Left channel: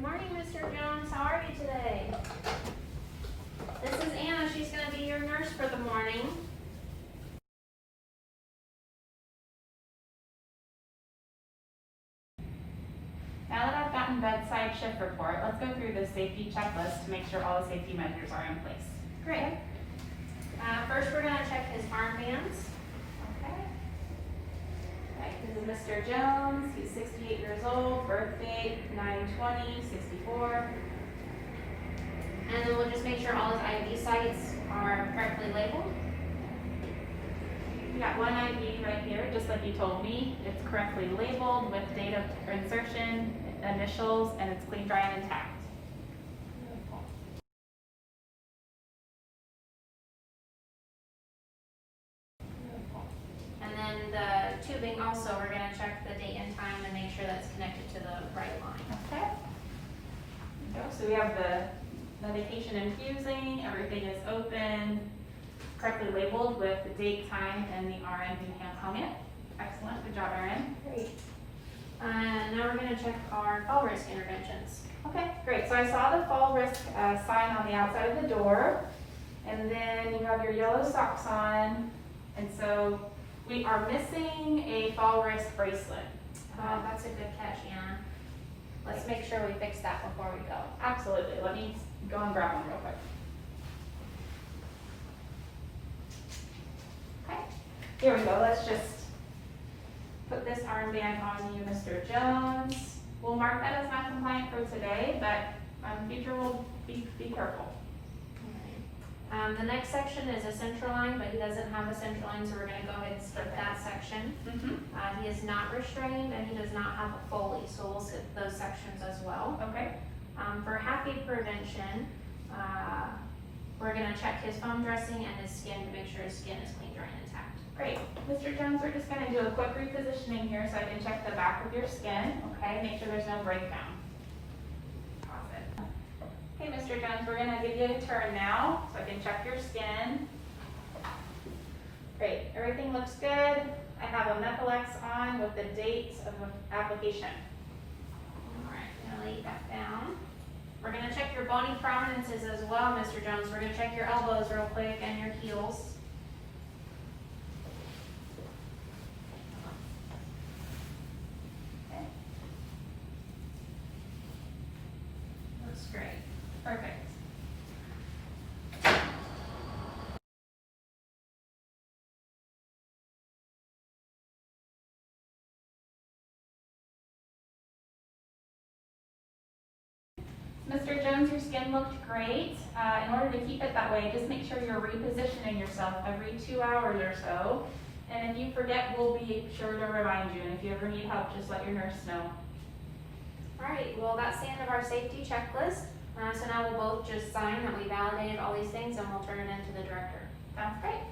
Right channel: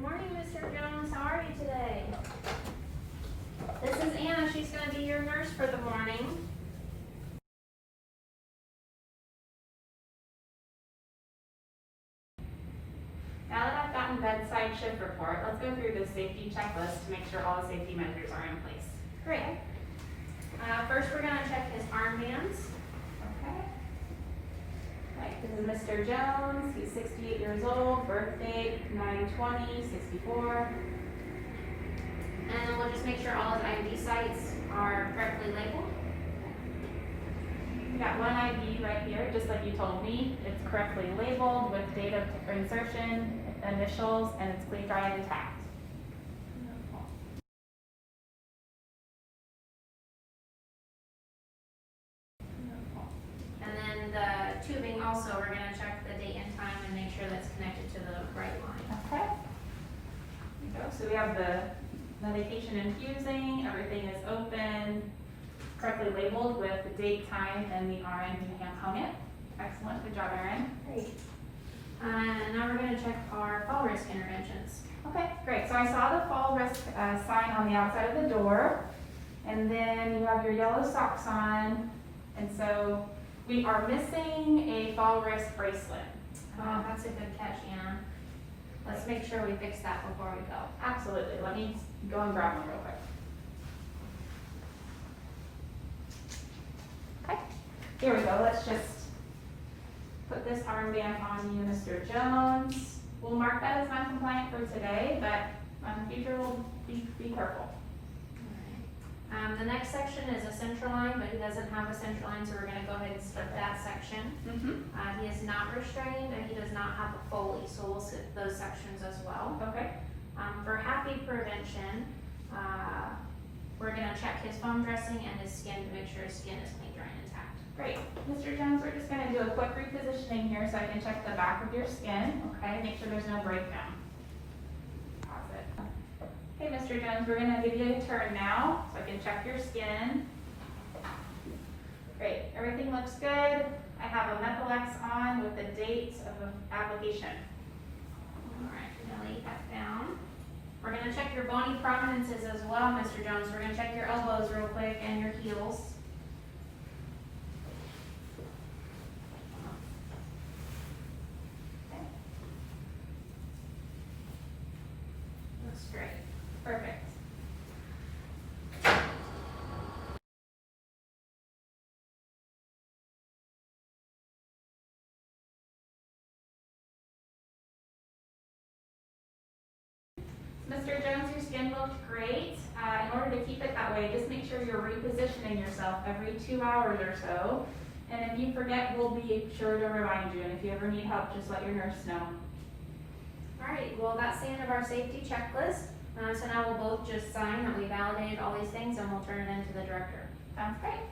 Good morning, Mr. Jones. How are you today? This is Anna. She's going to be your nurse for the morning. Now that I've gotten bedside shift report, let's go through the safety checklist to make sure all the safety measures are in place. Great. First, we're going to check his armbands. Okay. Right, this is Mr. Jones. He's 68 years old, birth date 9/20/64. And then we'll just make sure all his ID sites are correctly labeled. We got one ID right here, just like you told me. It's correctly labeled with date of insertion, initials, and it's clean, dry, and intact. And then the tubing also, we're going to check the date and time and make sure that's connected to the right line. Okay. There we go. So we have the medication infusing, everything is open, correctly labeled with the date, time, and the RN who hung it. Excellent, good job, RN. Great. And now we're going to check our fall risk interventions. Okay, great. So I saw the fall risk sign on the outside of the door, and then you have your yellow socks on, and so we are missing a fall risk bracelet. That's a good catch, Anna. Let's make sure we fix that before we go. Absolutely. Let me go and grab one real quick. Okay, here we go. Let's just put this armband on you, Mr. Jones. We'll mark that as non-compliant for today, but in the future we'll be careful. The next section is a central line, but he doesn't have a central line, so we're going to go ahead and skip that section. He is not restrained and he does not have a Foley, so we'll skip those sections as well. Okay. For happy prevention, we're going to check his foam dressing and his skin to make sure his skin is clean, dry, and intact. Great. Mr. Jones, we're just going to do a quick repositioning here so I can check the back of your skin, okay? Make sure there's no breakdown. Pause it. Okay, Mr. Jones, we're going to give you a turn now so I can check your skin. Great. Everything looks good. I have a Methylex on with the date of the application. All right, I'm going to lay that down. We're going to check your bony prominences as well, Mr. Jones. We're going to check your elbows real quick and your heels. Okay. That's great. Perfect. Mr. Jones, your skin looked great. In order to keep it that way, just make sure you're repositioning yourself every 2 hours or so. And if you forget, we'll be sure to remind you. And if you ever need help, just let your nurse know. All right, well, that's the end of our safety checklist. So now we'll both just sign that we validated all these things and we'll turn it into the director. Sounds great.